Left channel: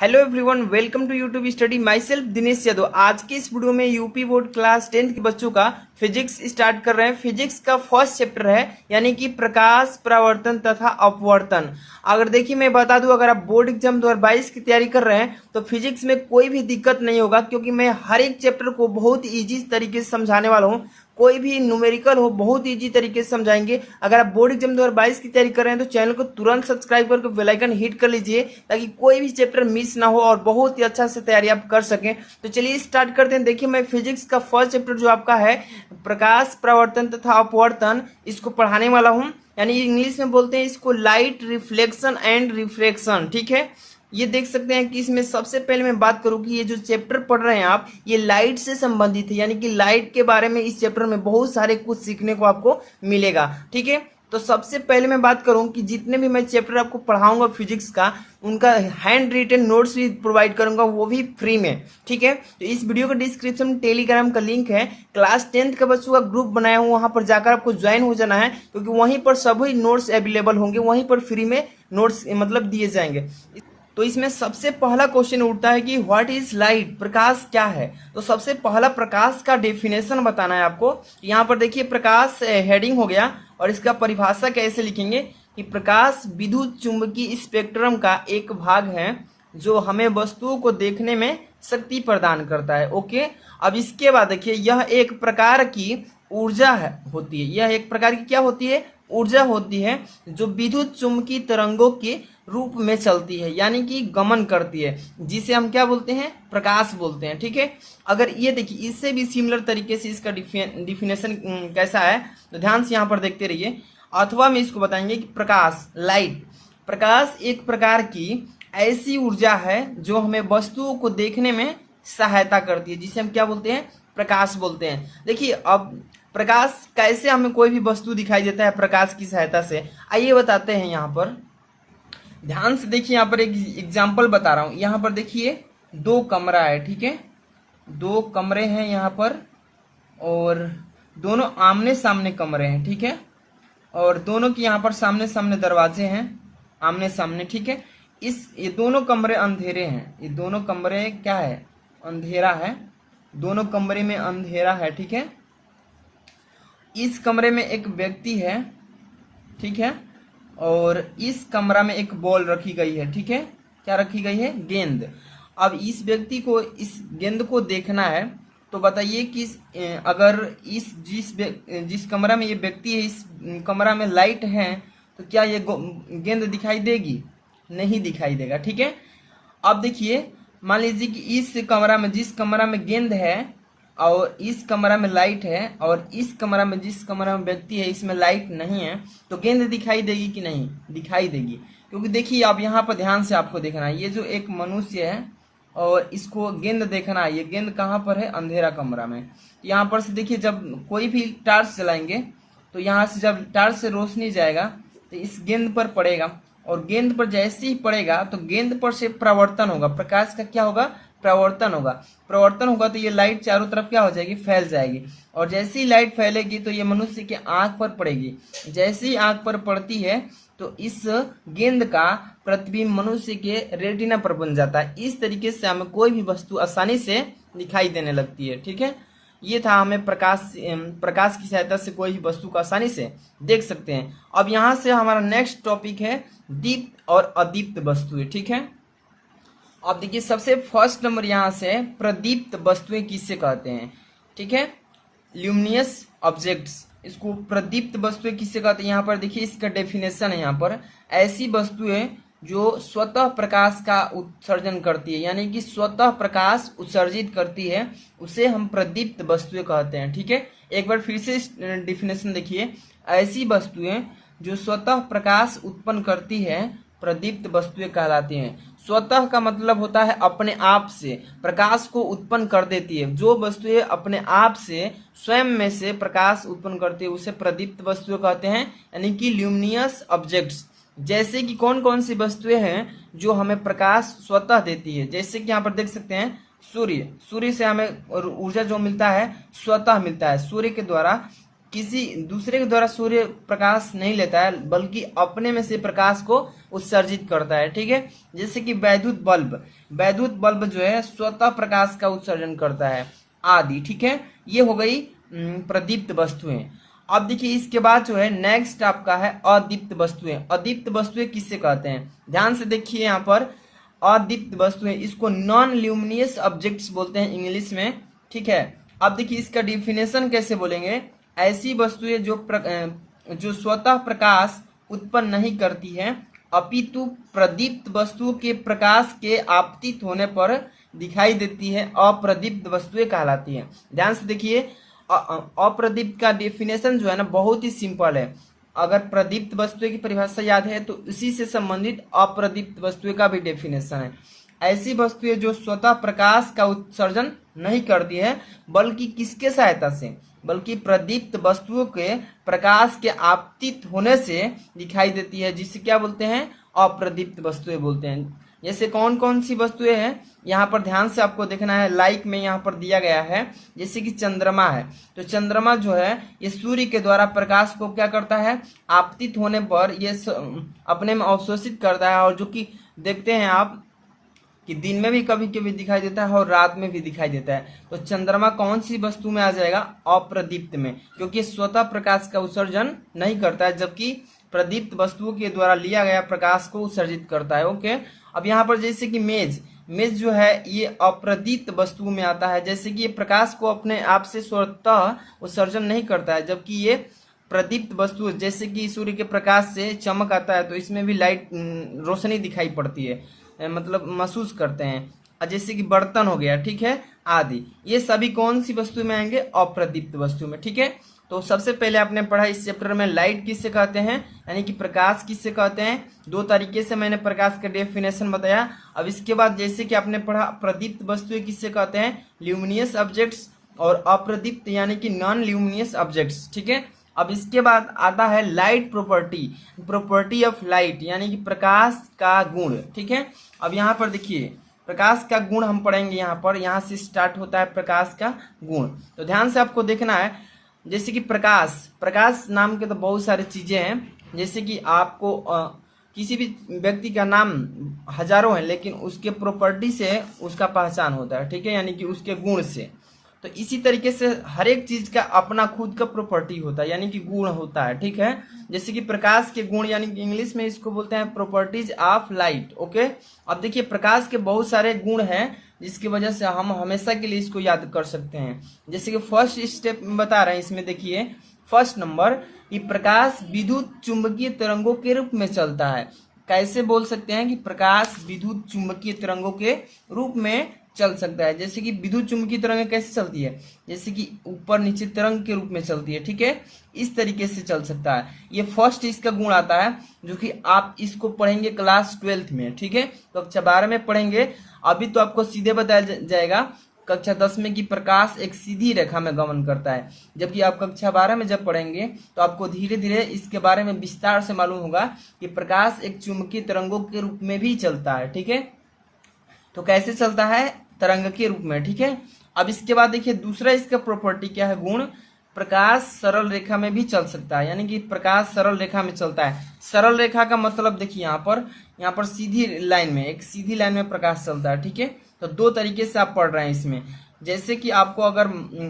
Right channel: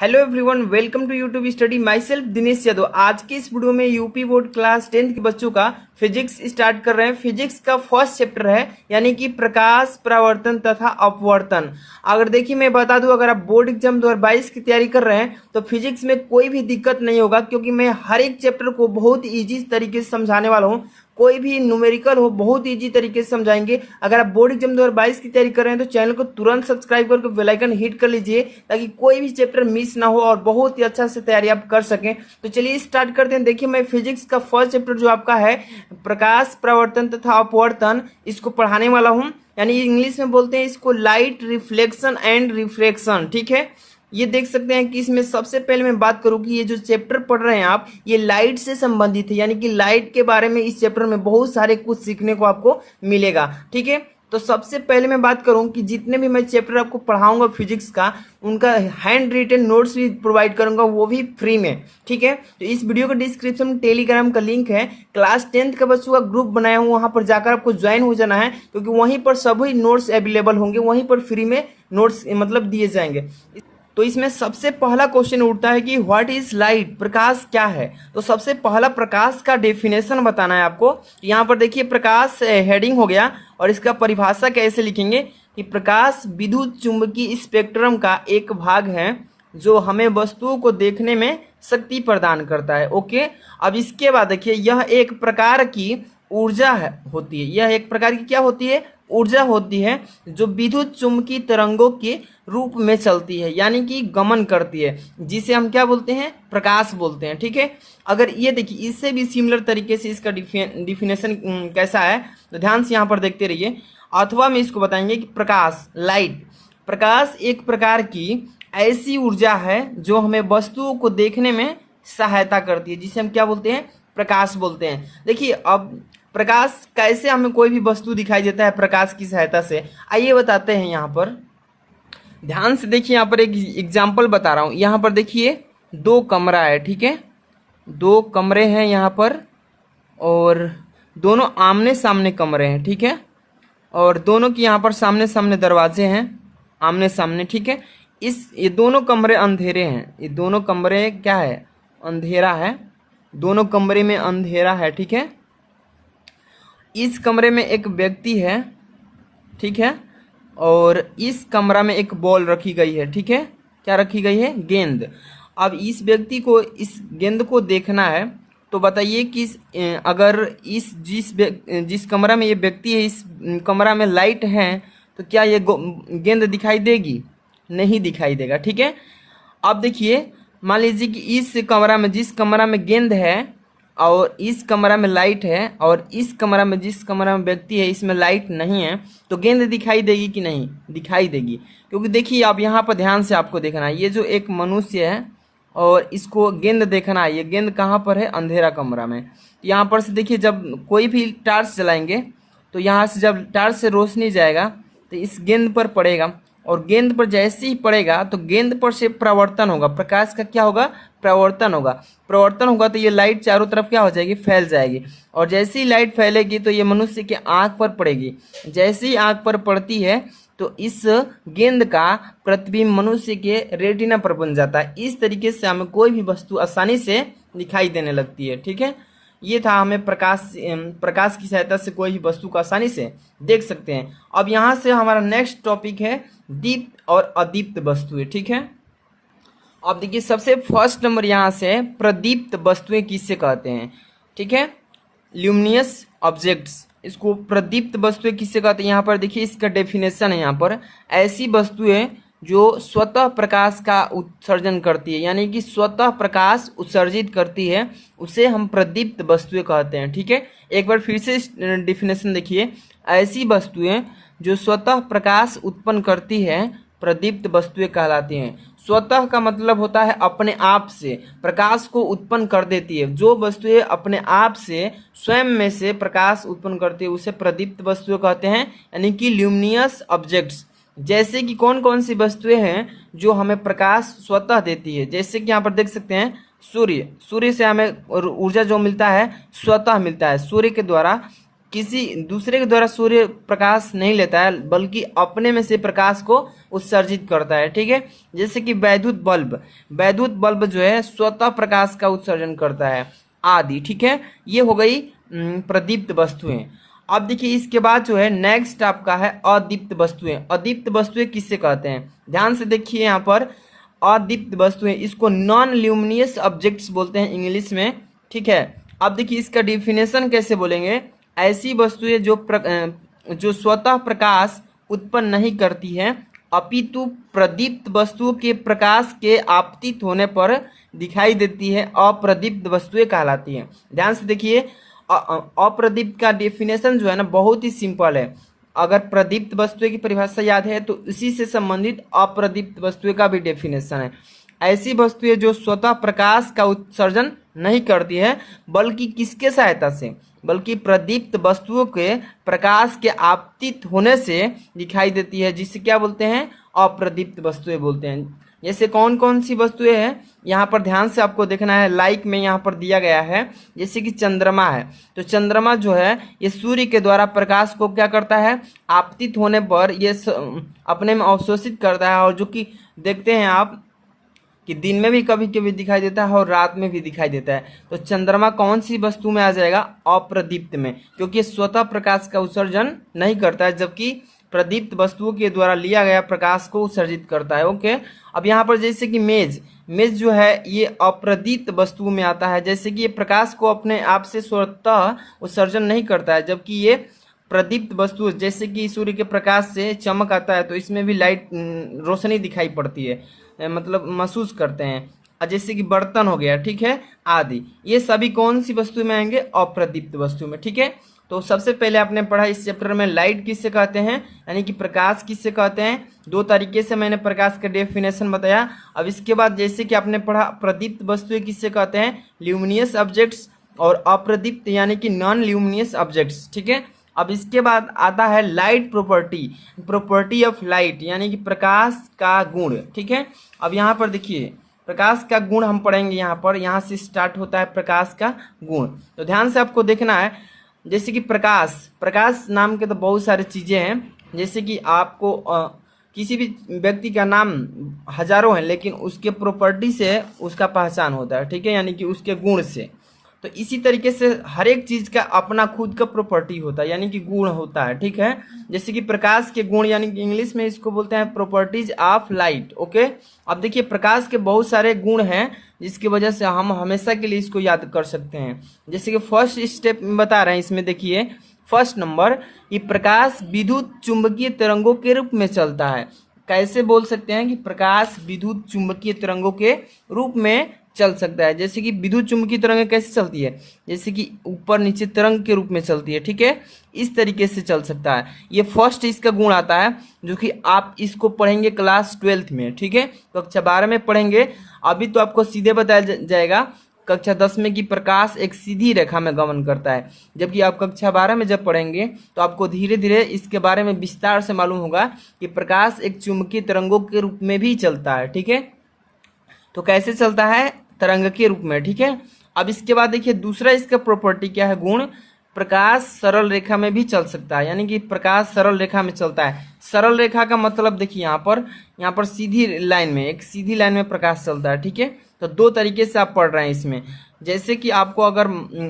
Hello everyone, welcome to YouTube study. Myself Dinesh Yadav. आज के इस वीडियो में यूपी बोर्ड क्लास 10th के बच्चों का फिजिक्स स्टार्ट कर रहे हैं। फिजिक्स का फर्स्ट चैप्टर है, यानी कि प्रकाश, परावर्तन तथा अपवर्तन। अगर देखिए मैं बता दूं, अगर आप बोर्ड एग्जाम 2022 की तैयारी कर रहे हैं तो फिजिक्स में कोई भी दिक्कत नहीं होगा, क्योंकि मैं हर एक चैप्टर को बहुत ईजी तरीके से समझाने वाला हूँ। कोई भी न्यूमेरिकल हो बहुत इजी तरीके से समझाएंगे। अगर आप बोर्ड एग्जाम 2022 की तैयारी कर रहे हैं तो चैनल को तुरंत सब्सक्राइब करके बेल आइकन हिट कर लीजिए, ताकि कोई भी चैप्टर मिस ना हो और बहुत ही अच्छा से तैयारी आप कर सकें। तो चलिए स्टार्ट करते हैं। देखिए मैं फिजिक्स का फर्स्ट चैप्टर जो आपका है प्रकाश, परावर्तन तथा अपवर्तन, इसको पढ़ाने वाला हूँ। यानी इंग्लिश में बोलते हैं इसको लाइट रिफ्लेक्शन एंड रिफ्रैक्शन। ठीक है, ये देख सकते हैं कि इसमें सबसे पहले मैं बात करूं कि ये जो चैप्टर पढ़ रहे हैं आप, ये लाइट से संबंधित है। यानी कि लाइट के बारे में इस चैप्टर में बहुत सारे कुछ सीखने को आपको मिलेगा। ठीक है, तो सबसे पहले मैं बात करूं कि जितने भी मैं चैप्टर आपको पढ़ाऊंगा फिजिक्स का, उनका हैंड रिटन नोट्स भी प्रोवाइड करूंगा, वो भी फ्री में। ठीक है, तो इस वीडियो के डिस्क्रिप्शन में टेलीग्राम का लिंक है, क्लास 10th के बच्चों का ग्रुप बनाया हूँ, वहां पर जाकर आपको ज्वाइन हो जाना है, क्योंकि वहीं पर सभी नोट्स अवेलेबल होंगे, वहीं पर फ्री में नोट्स मतलब दिए जाएंगे। तो इसमें सबसे पहला क्वेश्चन उठता है कि व्हाट इज लाइट, प्रकाश क्या है। तो सबसे पहला प्रकाश का डेफिनेशन बताना है आपको। यहाँ पर देखिए प्रकाश हेडिंग हो गया, और इसका परिभाषा कैसे लिखेंगे कि प्रकाश विद्युत चुंबकीय स्पेक्ट्रम का एक भाग है जो हमें वस्तुओं को देखने में शक्ति प्रदान करता है। ओके, अब इसके बाद देखिए यह एक प्रकार की ऊर्जा होती है। यह एक प्रकार की क्या होती है? ऊर्जा होती है, जो विद्युत चुंबकीय तरंगों के रूप में चलती है, यानी कि गमन करती है, जिसे हम क्या बोलते हैं? प्रकाश बोलते हैं। ठीक है, अगर ये देखिए इससे भी सिमिलर तरीके से इसका डिफिनेशन कैसा है, तो ध्यान से यहाँ पर देखते रहिए। अथवा में इसको बताएंगे कि प्रकाश, लाइट, प्रकाश एक प्रकार की ऐसी ऊर्जा है जो हमें वस्तुओं को देखने में सहायता करती है, जिसे हम क्या बोलते हैं? प्रकाश बोलते हैं। देखिए अब प्रकाश कैसे हमें कोई भी वस्तु दिखाई देता है प्रकाश की सहायता से, आइए बताते हैं। यहाँ पर ध्यान से देखिए, यहाँ पर एक एग्जाम्पल बता रहा हूँ। यहाँ पर देखिए दो कमरा है। ठीक है, दो कमरे हैं यहाँ पर, और दोनों आमने सामने कमरे हैं। ठीक है, और दोनों की यहाँ पर सामने सामने दरवाजे हैं, आमने सामने। ठीक है, ये दोनों कमरे अंधेरे हैं। ये दोनों कमरे क्या है? अंधेरा है। दोनों कमरे में अंधेरा है। ठीक है, इस कमरे में एक व्यक्ति है। ठीक है, और इस कमरा में एक बॉल रखी गई है। ठीक है, क्या रखी गई है? गेंद। अब इस व्यक्ति को इस गेंद को देखना है, तो बताइए कि अगर जिस कमरा में ये व्यक्ति है, इस कमरा में लाइट है, तो क्या ये गेंद दिखाई देगी? नहीं दिखाई देगा। ठीक है, अब देखिए मान लीजिए कि इस कमरा में, जिस कमरा में गेंद है और इस कमरा में लाइट है, और इस कमरा में, जिस कमरा में व्यक्ति है, इसमें लाइट नहीं है, तो गेंद दिखाई देगी कि नहीं? दिखाई देगी। क्योंकि देखिए अब यहाँ पर ध्यान से आपको देखना है, ये जो एक मनुष्य है और इसको गेंद देखना है, ये गेंद कहाँ पर है? अंधेरा कमरा में। यहाँ पर से देखिए जब कोई भी टार्च जलाएंगे, तो यहाँ से जब टार्च से रोशनी जाएगा तो इस गेंद पर पड़ेगा, और गेंद पर जैसे ही पड़ेगा तो गेंद पर से प्रवर्तन होगा। प्रकाश का क्या होगा? प्रवर्तन होगा। प्रवर्तन होगा तो ये लाइट चारों तरफ क्या हो जाएगी? फैल जाएगी। और जैसे ही लाइट फैलेगी तो ये मनुष्य के आंख पर पड़ेगी। जैसे ही आंख पर पड़ती है तो इस गेंद का प्रतिबिंब मनुष्य के रेटिना पर बन जाता है। इस तरीके से हमें कोई भी वस्तु आसानी से दिखाई देने लगती है। ठीक है, ये था, हमें प्रकाश की सहायता से कोई भी वस्तु को आसानी से देख सकते हैं। अब यहाँ से हमारा नेक्स्ट टॉपिक है दीप्त और अदीप्त वस्तुएं। ठीक है, अब देखिए सबसे फर्स्ट नंबर यहाँ से प्रदीप्त वस्तुएं किससे कहते हैं? ठीक है, ल्यूमिनियस ऑब्जेक्ट्स, इसको प्रदीप्त वस्तुएं किससे कहते हैं? यहाँ पर देखिए इसका डेफिनेशन है। यहाँ पर ऐसी वस्तुएं जो स्वतः प्रकाश का उत्सर्जन करती है, यानी कि स्वतः प्रकाश उत्सर्जित करती है, उसे हम प्रदीप्त वस्तुएं कहते हैं। ठीक है, एक बार फिर से डेफिनेशन देखिए। ऐसी वस्तुएं जो स्वतः प्रकाश उत्पन्न करती है प्रदीप्त वस्तुएं कहलाती हैं। स्वतः का मतलब होता है अपने आप से प्रकाश को उत्पन्न कर देती है। जो वस्तुएं अपने आप से स्वयं में से प्रकाश उत्पन्न करती है उसे प्रदीप्त वस्तुएं कहते हैं, यानी कि ल्यूमिनियस ऑब्जेक्ट्स। जैसे कि कौन कौन सी वस्तुएं हैं जो हमें प्रकाश स्वतः देती है? जैसे कि यहाँ पर देख सकते हैं सूर्य। सूर्य से हमें ऊर्जा जो मिलता है स्वतः मिलता है। सूर्य के द्वारा किसी दूसरे के द्वारा सूर्य प्रकाश नहीं लेता है, बल्कि अपने में से प्रकाश को उत्सर्जित करता है। ठीक है, जैसे कि वैद्युत बल्ब जो है स्वतः प्रकाश का उत्सर्जन करता है आदि। ठीक है, ये हो गई प्रदीप्त वस्तुएं। अब देखिए इसके बाद जो है नेक्स्ट आपका है अदीप्त वस्तुएं। अदीप्त वस्तुएं किससे कहते हैं, ध्यान से देखिए यहाँ पर अदीप्त वस्तुएं, इसको नॉन ल्यूमिनियस ऑब्जेक्ट्स बोलते हैं इंग्लिश में। ठीक है, अब देखिए इसका डिफिनेशन कैसे बोलेंगे, ऐसी वस्तुएं जो स्वतः प्रकाश उत्पन्न नहीं करती हैं, अपितु प्रदीप्त वस्तुओं के प्रकाश के आपतित होने पर दिखाई देती है, अप्रदीप्त वस्तुएं कहलाती हैं। ध्यान से देखिए अप्रदीप्त का डेफिनेशन जो है ना बहुत ही सिंपल है। अगर प्रदीप्त वस्तुएं की परिभाषा याद है तो इसी से संबंधित अप्रदीप्त वस्तुएं का भी डेफिनेशन है। ऐसी वस्तुएं जो स्वतः प्रकाश का उत्सर्जन नहीं करती है, बल्कि किसके सहायता से, बल्कि प्रदीप्त वस्तुओं के प्रकाश के आपतित होने से दिखाई देती है, जिसे क्या बोलते हैं, अप्रदीप्त वस्तुएं बोलते हैं। जैसे कौन कौन सी वस्तुएं हैं यहाँ पर ध्यान से आपको देखना है, लाइक में यहाँ पर दिया गया है। जैसे कि चंद्रमा है, तो चंद्रमा जो है ये सूर्य के द्वारा प्रकाश को क्या करता है, आपतित होने पर ये अपने में अवशोषित करता है, और जो कि देखते हैं आप कि दिन में भी कभी कभी दिखाई देता है और रात में भी दिखाई देता है। तो चंद्रमा कौन सी वस्तु में आ जाएगा, अप्रदीप्त में, क्योंकि स्वतः प्रकाश का उत्सर्जन नहीं करता है, जबकि प्रदीप्त वस्तुओं के द्वारा लिया गया प्रकाश को उत्सर्जित करता है। ओके, अब यहाँ पर जैसे कि मेज जो है ये अप्रदीप्त वस्तु में आता है, जैसे कि ये प्रकाश को अपने आप से स्वतः उत्सर्जन नहीं करता है, जबकि ये प्रदीप्त वस्तु जैसे कि सूर्य के प्रकाश से चमक आता है तो इसमें भी लाइट रोशनी दिखाई पड़ती है, मतलब महसूस करते हैं। जैसे कि बर्तन हो गया, ठीक है, आदि, ये सभी कौन सी वस्तु में आएंगे, अप्रदीप्त वस्तु में। ठीक है, तो सबसे पहले आपने पढ़ा इस चैप्टर में लाइट किससे कहते हैं, यानी कि प्रकाश किससे कहते हैं। दो तरीके से मैंने प्रकाश का डेफिनेशन बताया। अब इसके बाद जैसे कि आपने पढ़ा प्रदीप्त वस्तुएं किससे कहते हैं, ल्यूमिनियस ऑब्जेक्ट्स, और अप्रदीप्त यानी कि नॉन ल्यूमिनियस ऑब्जेक्ट्स। ठीक है, अब इसके बाद आता है लाइट प्रॉपर्टी ऑफ लाइट, यानी कि प्रकाश का गुण। ठीक है, अब यहाँ पर देखिए प्रकाश का गुण हम पढ़ेंगे। यहाँ से स्टार्ट होता है प्रकाश का गुण। तो ध्यान से आपको देखना है, जैसे कि प्रकाश नाम के तो बहुत सारी चीजें हैं। जैसे कि आपको किसी भी व्यक्ति का नाम हजारों हैं, लेकिन उसके प्रॉपर्टी से उसका पहचान होता है। ठीक है, यानी कि उसके गुण से। तो इसी तरीके से हर एक चीज का अपना खुद का प्रॉपर्टी होता है, यानी कि गुण होता है। ठीक है, जैसे कि प्रकाश के गुण, यानी कि इंग्लिश में इसको बोलते हैं प्रॉपर्टीज ऑफ लाइट। ओके, अब देखिए प्रकाश के बहुत सारे गुण हैं, जिसकी वजह से हम हमेशा के लिए इसको याद कर सकते हैं। जैसे कि फर्स्ट स्टेप में बता रहे हैं, इसमें देखिए फर्स्ट नंबर, ये प्रकाश विद्युत चुंबकीय तरंगों के रूप में चलता है। कैसे बोल सकते हैं कि प्रकाश विद्युत चुंबकीय तरंगों के रूप में चल सकता है। जैसे कि विद्युत चुंबकीय तरंगें कैसे चलती है, जैसे कि ऊपर नीचे तरंग के रूप में चलती है। ठीक है, इस तरीके से चल सकता है। ये फर्स्ट इसका गुण आता है, जो कि आप इसको पढ़ेंगे क्लास 12th में। ठीक है, कक्षा 12 में पढ़ेंगे। अभी तो आपको सीधे बताया जाएगा कक्षा 10 में कि प्रकाश एक सीधी रेखा में गमन करता है, जबकि आप कक्षा 12 में जब पढ़ेंगे तो आपको धीरे धीरे इसके बारे में विस्तार से मालूम होगा कि प्रकाश एक चुंबकीय तरंगों के रूप में भी चलता है। ठीक है, तो कैसे चलता है, तरंग के रूप में। ठीक है, अब इसके बाद देखिए दूसरा इसका प्रॉपर्टी क्या है, गुण, प्रकाश सरल रेखा में भी चल सकता है, यानी कि प्रकाश सरल रेखा में चलता है। सरल रेखा का मतलब देखिए यहाँ पर सीधी लाइन में, एक सीधी लाइन में प्रकाश चलता है। ठीक है, तो दो तरीके से आप पढ़ रहे हैं इसमें। जैसे कि आपको अगर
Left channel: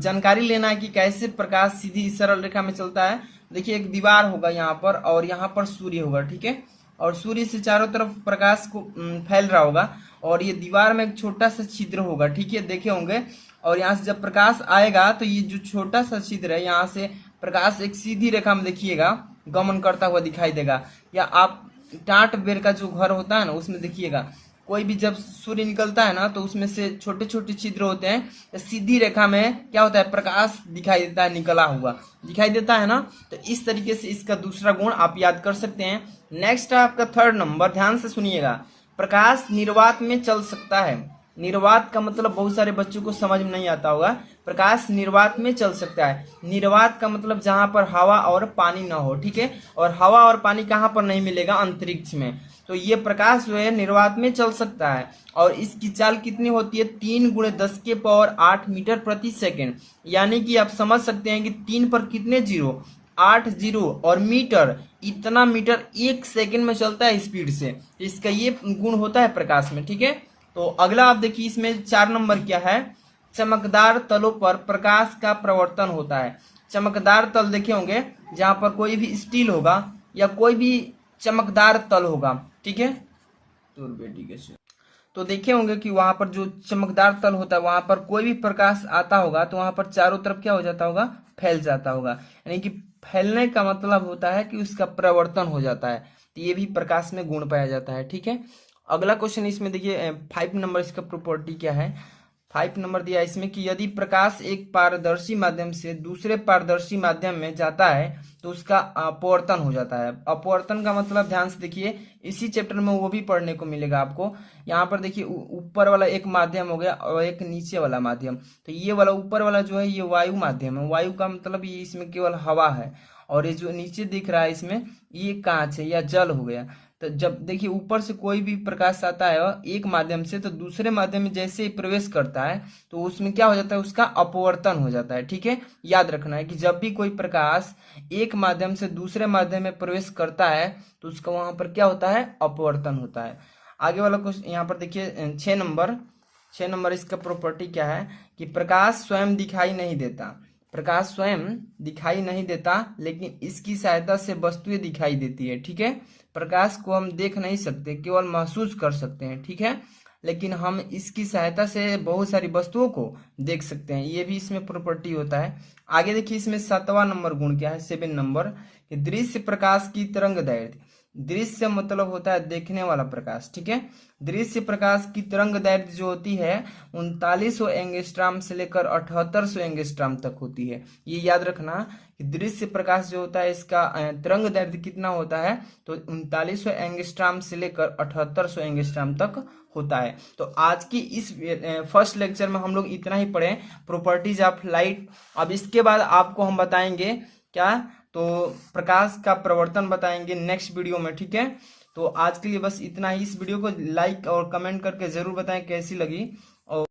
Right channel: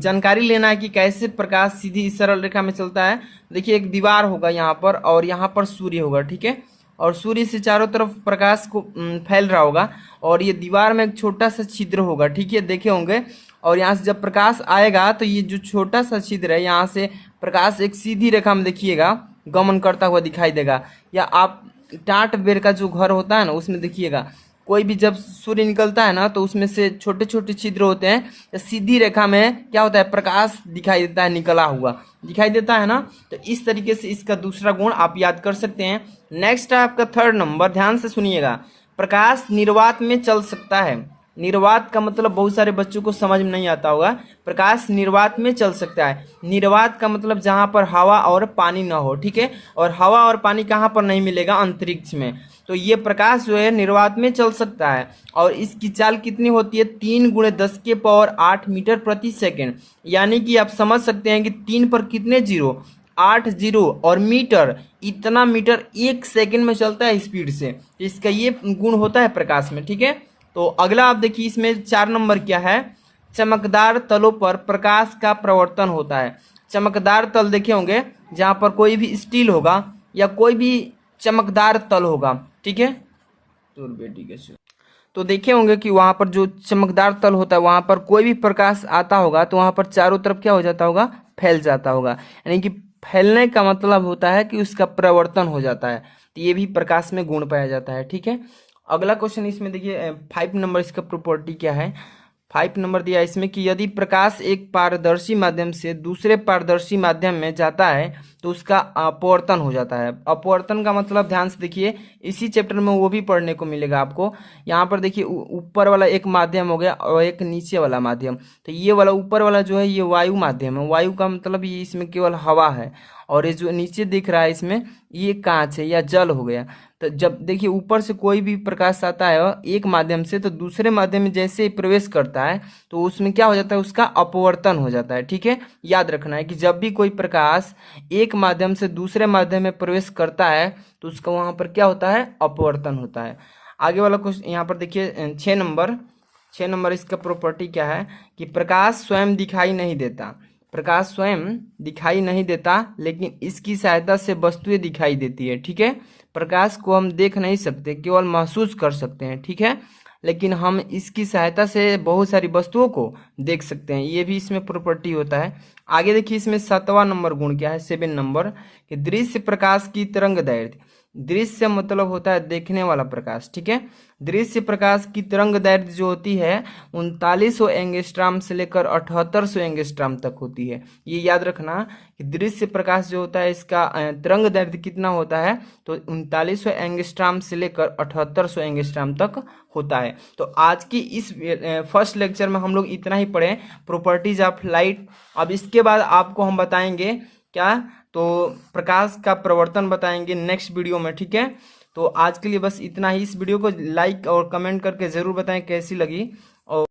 जानकारी लेना है कि कैसे प्रकाश सीधी सरल रेखा में चलता है, देखिए एक दीवार होगा यहाँ पर, और यहाँ पर सूर्य होगा। ठीक है, और सूर्य से चारों तरफ प्रकाश को फैल रहा होगा, और ये दीवार में एक छोटा सा छिद्र होगा। ठीक है, देखे होंगे, और यहाँ से जब प्रकाश आएगा तो ये जो छोटा सा छिद्र है, यहाँ से प्रकाश एक सीधी रेखा में देखिएगा गमन करता हुआ दिखाई देगा। या आप टाट बेर का जो घर होता है ना, उसमें देखिएगा कोई भी जब सूर्य निकलता है ना, तो उसमें से छोटे छोटे छिद्र होते हैं, तो सीधी रेखा में क्या होता है, प्रकाश दिखाई देता है, निकला हुआ दिखाई देता है ना। तो इस तरीके से इसका दूसरा गुण आप याद कर सकते हैं। नेक्स्ट है आपका थर्ड नंबर, ध्यान से सुनिएगा, प्रकाश निर्वात में चल सकता है। निर्वात का मतलब बहुत सारे बच्चों को समझ में नहीं आता होगा। प्रकाश निर्वात में चल सकता है। निर्वात का मतलब जहां पर हवा और पानी ना हो। ठीक है, और हवा और पानी कहां पर नहीं मिलेगा, अंतरिक्ष में। तो ये प्रकाश जो है निर्वात में चल सकता है और इसकी चाल कितनी होती है 3 × 10⁸ मीटर प्रति सेकेंड। यानी कि आप समझ सकते हैं कि 3 पर कितने जीरो, 8 जीरो, और मीटर, इतना मीटर 1 सेकेंड में चलता है स्पीड से। इसका ये गुण होता है प्रकाश में। ठीक है, तो अगला आप देखिए इसमें 4 नंबर क्या है, चमकदार तलों पर प्रकाश का प्रवर्तन होता है। चमकदार तल देखे होंगे जहां पर कोई भी स्टील होगा या कोई भी चमकदार तल होगा। ठीक है, तो देखे होंगे कि वहां पर जो चमकदार तल होता है वहां पर कोई भी प्रकाश आता होगा तो वहां पर चारों तरफ क्या हो जाता होगा, फैल जाता होगा। यानी कि फैलने का मतलब होता है कि उसका प्रवर्तन हो जाता है। तो ये भी प्रकाश में गुण पाया जाता है। ठीक है, अगला क्वेश्चन इसमें देखिए 5 नंबर, इसका प्रॉपर्टी क्या है। 5 नंबर दिया इसमें कि यदि प्रकाश एक पारदर्शी माध्यम से दूसरे पारदर्शी माध्यम में जाता है तो उसका अपवर्तन हो जाता है। अपवर्तन का मतलब ध्यान से देखिए, इसी चैप्टर में वो भी पढ़ने को मिलेगा आपको। यहाँ पर देखिए ऊपर वाला एक माध्यम हो गया और एक नीचे वाला माध्यम। तो ये वाला ऊपर वाला जो है ये वायु माध्यम है। वायु का मतलब ये इसमें केवल हवा है, और ये जो नीचे दिख रहा है इसमें ये कांच है या जल हो गया। तो जब देखिए ऊपर से कोई भी प्रकाश आता है एक माध्यम से तो दूसरे माध्यम में जैसे ही प्रवेश करता है तो उसमें क्या हो जाता है, उसका अपवर्तन हो जाता है। ठीक है, याद रखना है कि जब भी कोई प्रकाश एक माध्यम से दूसरे माध्यम में प्रवेश करता है तो उसका वहां पर क्या होता है, अपवर्तन होता है। आगे वाला क्वेश्चन यहाँ पर देखिए 6 नंबर इसका प्रॉपर्टी क्या है कि प्रकाश स्वयं दिखाई नहीं देता। प्रकाश स्वयं दिखाई नहीं देता लेकिन इसकी सहायता से वस्तुएं दिखाई देती है। ठीक है, प्रकाश को हम देख नहीं सकते, केवल महसूस कर सकते हैं। ठीक है, लेकिन हम इसकी सहायता से बहुत सारी वस्तुओं को देख सकते हैं। ये भी इसमें प्रॉपर्टी होता है। आगे देखिए इसमें 7वां नंबर गुण क्या है, 7 नंबर, कि दृश्य प्रकाश की तरंग दैर्ध्य। दृश्य मतलब होता है देखने वाला प्रकाश। ठीक है, दृश्य प्रकाश की तरंग दैर्ध्य जो होती है 3900 एंगस्ट्राम से लेकर 7800 एंगस्ट्राम तक होती है। ये याद रखना कि दृश्य प्रकाश जो होता है इसका तरंग दैर्ध्य कितना होता है, तो 3900 एंगस्ट्राम से लेकर 7800 एंगस्ट्राम तक होता है। तो आज की इस फर्स्ट लेक्चर में हम लोग इतना ही पढ़े, प्रॉपर्टीज ऑफ लाइट। अब इसके बाद आपको हम बताएंगे क्या, तो प्रकाश का प्रवर्तन बताएंगे नेक्स्ट वीडियो में। ठीक है, तो आज के लिए बस इतना ही। इस वीडियो को लाइक और कमेंट करके जरूर बताएं कैसी लगी।